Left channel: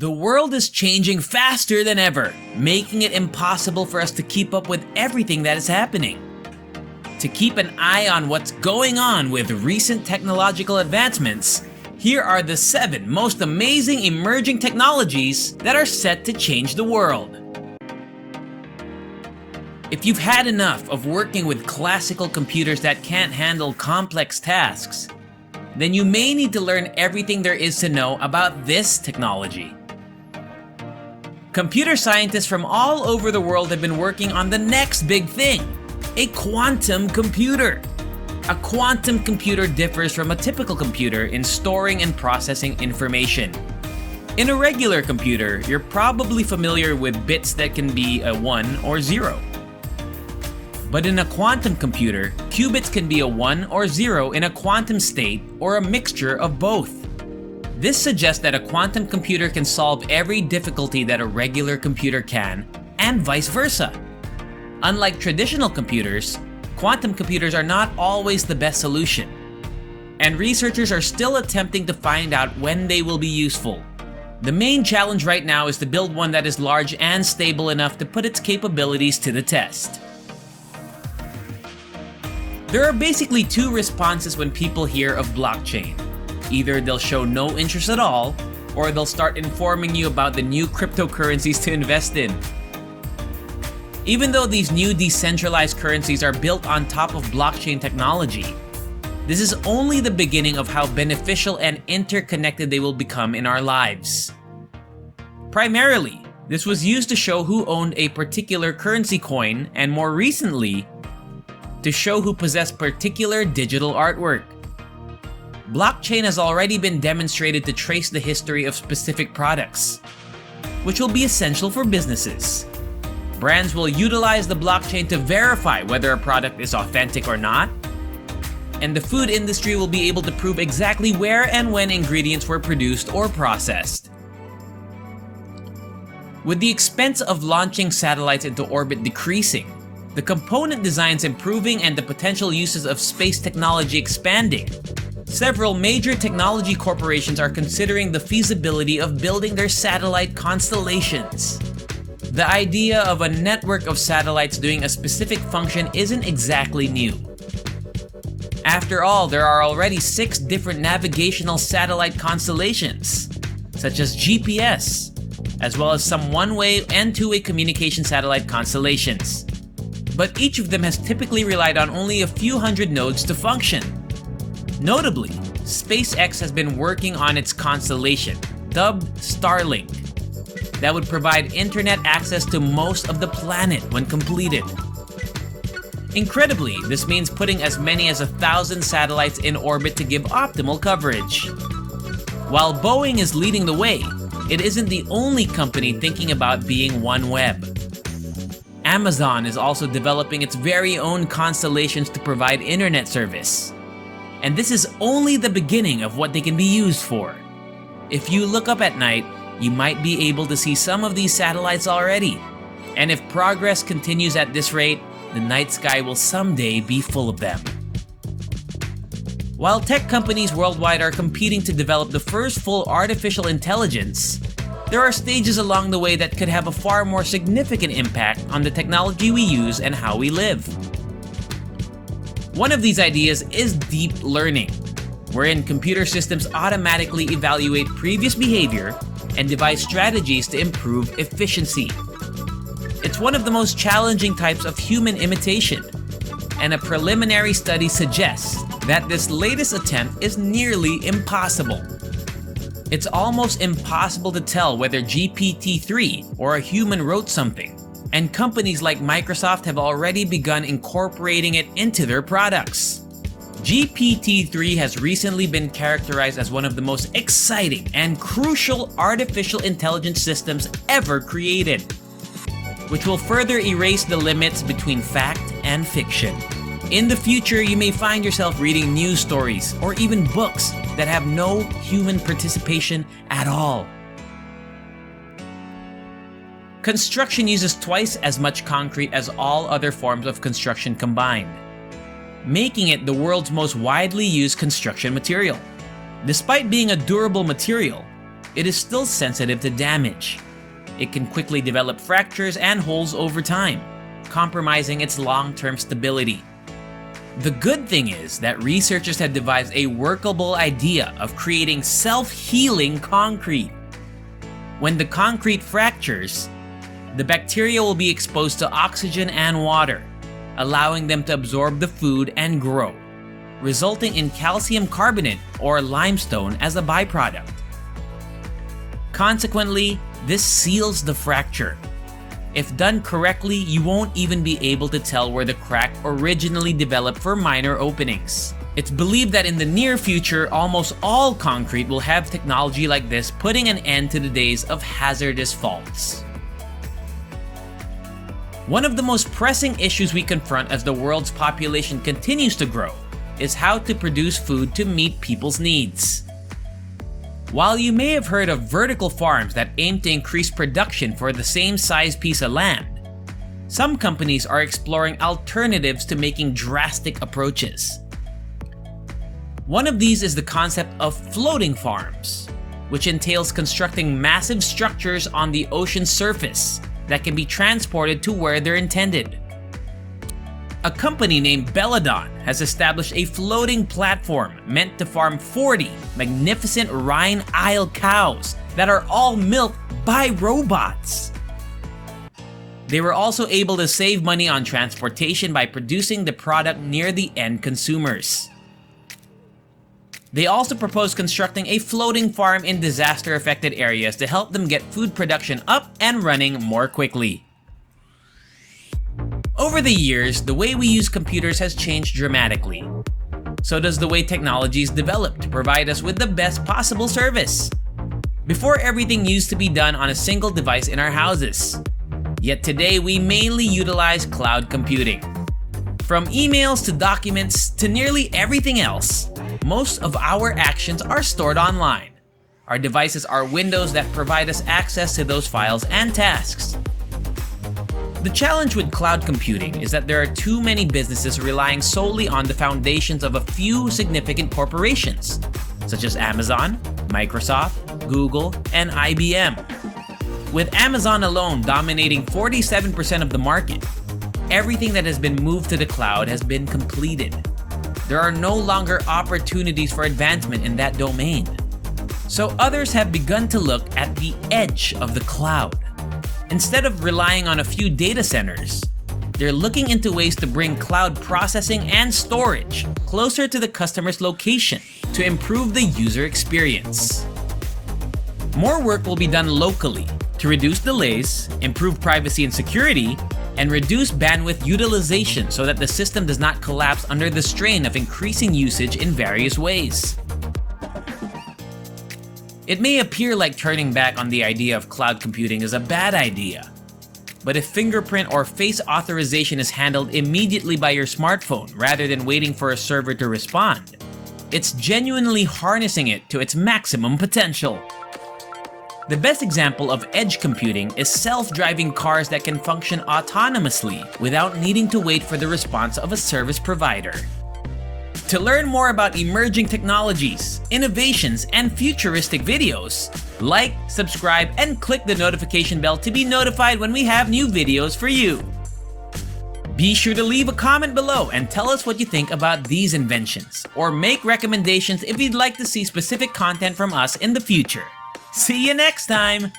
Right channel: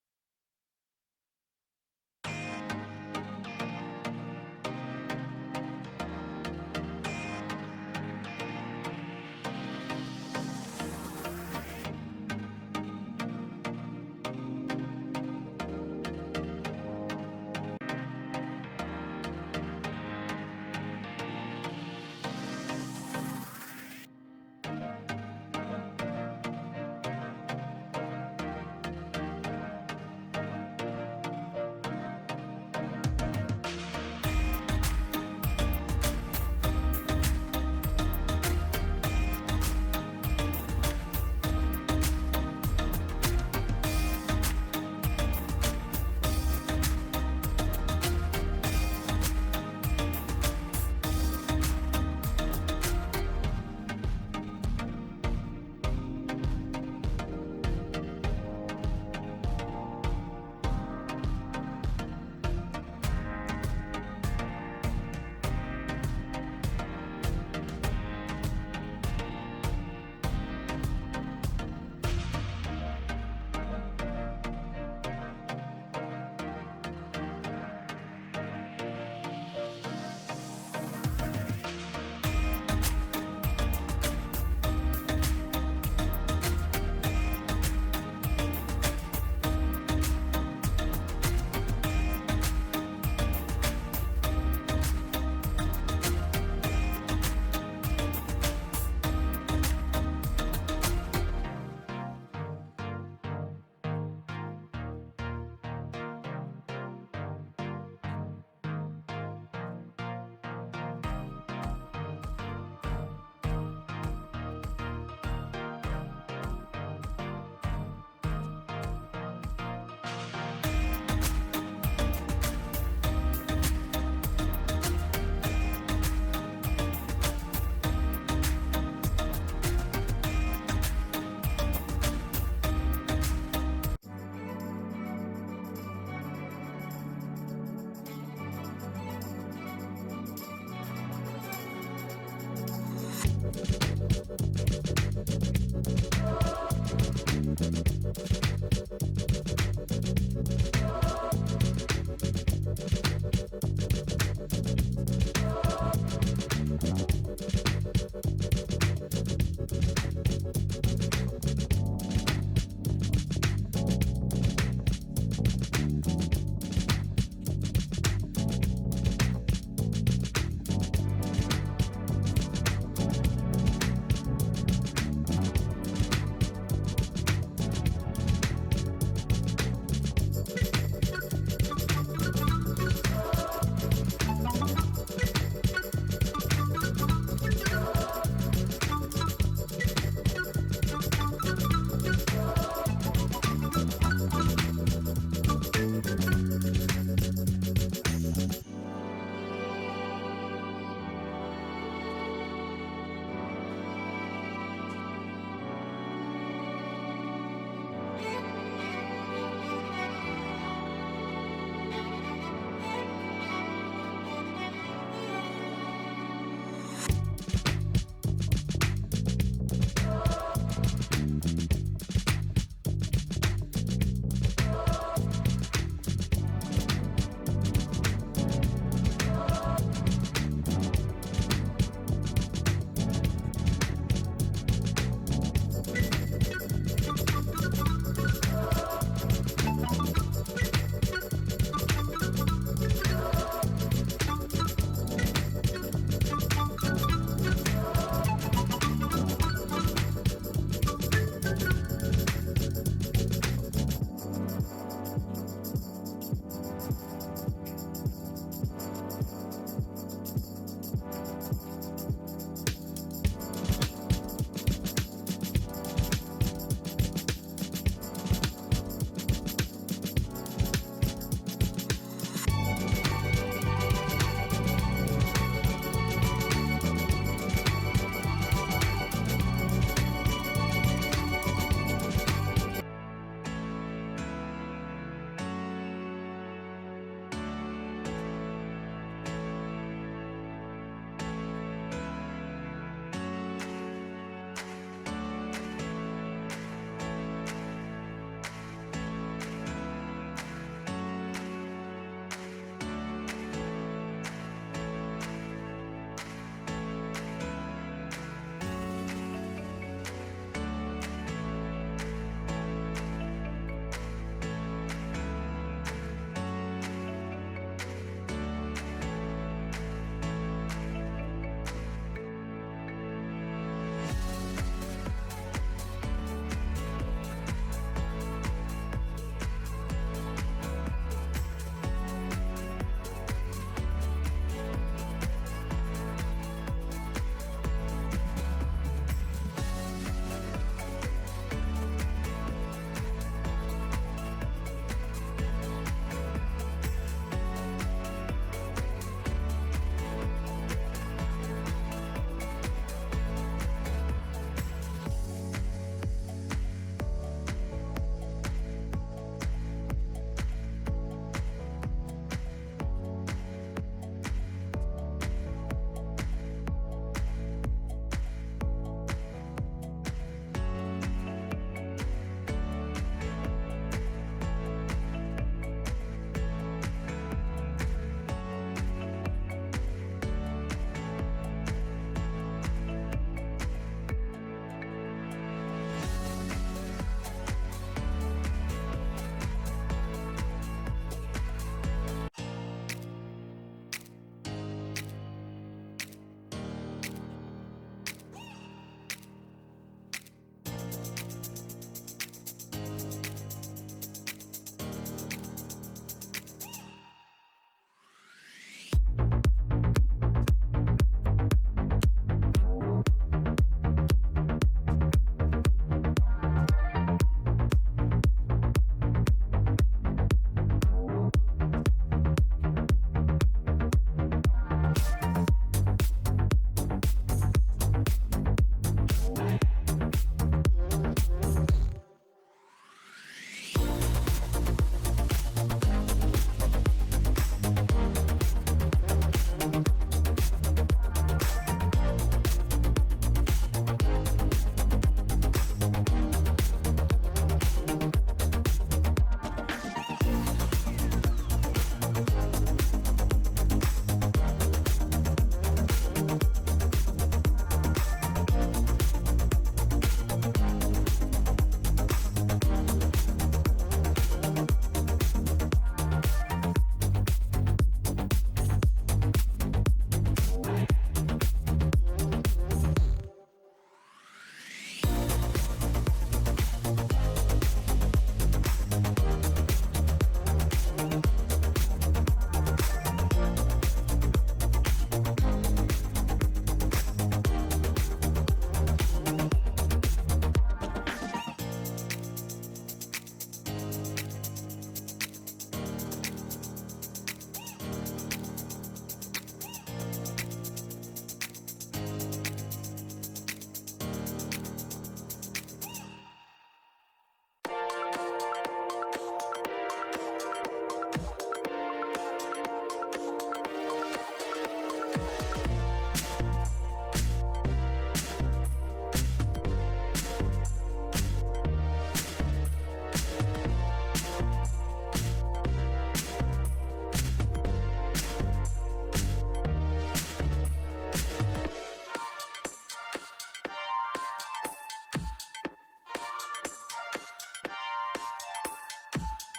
The world is changing faster than ever, making it impossible for us to keep up with everything that is happening. To keep an eye on what's going on with recent technological advancements, here are the 7 most amazing emerging technologies that are set to change the world. If you've had enough of working with classical computers that can't handle complex tasks, then you may need to learn everything there is to know about this technology. Computer scientists from all over the world have been working on the next big thing, a quantum computer. A quantum computer differs from a typical computer in storing and processing information. In a regular computer, you're probably familiar with bits that can be a 1 or 0. But in a quantum computer, qubits can be a 1 or 0 in a quantum state or a mixture of both. This suggests that a quantum computer can solve every difficulty that a regular computer can, and vice versa. Unlike traditional computers, quantum computers are not always the best solution, and researchers are still attempting to find out when they will be useful. The main challenge right now is to build one that is large and stable enough to put its capabilities to the test. There are basically 2 responses when people hear of blockchain. Either they'll show no interest at all, or they'll start informing you about the new cryptocurrencies to invest in. Even though these new decentralized currencies are built on top of blockchain technology, this is only the beginning of how beneficial and interconnected they will become in our lives. Primarily, this was used to show who owned a particular currency coin, and more recently, to show who possessed particular digital artwork. Blockchain has already been demonstrated to trace the history of specific products, which will be essential for businesses. Brands will utilize the blockchain to verify whether a product is authentic or not, and the food industry will be able to prove exactly where and when ingredients were produced or processed. With the expense of launching satellites into orbit decreasing, the component designs improving, and the potential uses of space technology expanding, several major technology corporations are considering the feasibility of building their satellite constellations. The idea of a network of satellites doing a specific function isn't exactly new. After all, there are already 6 different navigational satellite constellations, such as GPS, as well as some one-way and two-way communication satellite constellations. But each of them has typically relied on only a few hundred nodes to function. Notably, SpaceX has been working on its constellation, dubbed Starlink, that would provide internet access to most of the planet when completed. Incredibly, this means putting as many as 1,000 satellites in orbit to give optimal coverage. While Boeing is leading the way, it isn't the only company thinking about being OneWeb. Amazon is also developing its very own constellations to provide internet service. And this is only the beginning of what they can be used for. If you look up at night, you might be able to see some of these satellites already. And if progress continues at this rate, the night sky will someday be full of them. While tech companies worldwide are competing to develop the first full artificial intelligence, there are stages along the way that could have a far more significant impact on the technology we use and how we live. One of these ideas is deep learning, wherein computer systems automatically evaluate previous behavior and devise strategies to improve efficiency. It's one of the most challenging types of human imitation, and a preliminary study suggests that this latest attempt is nearly impossible. It's almost impossible to tell whether GPT-3 or a human wrote something, and companies like Microsoft have already begun incorporating it into their products. GPT-3 has recently been characterized as one of the most exciting and crucial artificial intelligence systems ever created, which will further erase the limits between fact and fiction. In the future, you may find yourself reading news stories or even books that have no human participation at all. Construction uses twice as much concrete as all other forms of construction combined, making it the world's most widely used construction material. Despite being a durable material, it is still sensitive to damage. It can quickly develop fractures and holes over time, compromising its long-term stability. The good thing is that researchers have devised a workable idea of creating self-healing concrete. When the concrete fractures, the bacteria will be exposed to oxygen and water, allowing them to absorb the food and grow, resulting in calcium carbonate or limestone as a byproduct. Consequently, this seals the fracture. If done correctly, you won't even be able to tell where the crack originally developed for minor openings. It's believed that in the near future, almost all concrete will have technology like this, putting an end to the days of hazardous faults. One of the most pressing issues we confront as the world's population continues to grow is how to produce food to meet people's needs. While you may have heard of vertical farms that aim to increase production for the same size piece of land, some companies are exploring alternatives to making drastic approaches. One of these is the concept of floating farms, which entails constructing massive structures on the ocean's surface that can be transported to where they're intended. A company named Belladon has established a floating platform meant to farm 40 magnificent Rhine Isle cows that are all milked by robots. They were also able to save money on transportation by producing the product near the end consumers. They also propose constructing a floating farm in disaster-affected areas to help them get food production up and running more quickly. Over the years, the way we use computers has changed dramatically. So does the way technology is developed to provide us with the best possible service. Before, everything used to be done on a single device in our houses. Yet today, we mainly utilize cloud computing. From emails to documents to nearly everything else, most of our actions are stored online. Our devices are windows that provide us access to those files and tasks. The challenge with cloud computing is that there are too many businesses relying solely on the foundations of a few significant corporations, such as Amazon, Microsoft, Google, and IBM. With Amazon alone dominating 47% of the market, everything that has been moved to the cloud has been completed. There are no longer opportunities for advancement in that domain. So others have begun to look at the edge of the cloud. Instead of relying on a few data centers, they're looking into ways to bring cloud processing and storage closer to the customer's location to improve the user experience. More work will be done locally to reduce delays, improve privacy and security, and reduce bandwidth utilization so that the system does not collapse under the strain of increasing usage in various ways. It may appear like turning back on the idea of cloud computing is a bad idea, but if fingerprint or face authorization is handled immediately by your smartphone rather than waiting for a server to respond, it's genuinely harnessing it to its maximum potential. The best example of edge computing is self-driving cars that can function autonomously without needing to wait for the response of a service provider. To learn more about emerging technologies, innovations, and futuristic videos, like, subscribe, and click the notification bell to be notified when we have new videos for you. Be sure to leave a comment below and tell us what you think about these inventions, or make recommendations if you'd like to see specific content from us in the future. See you next time!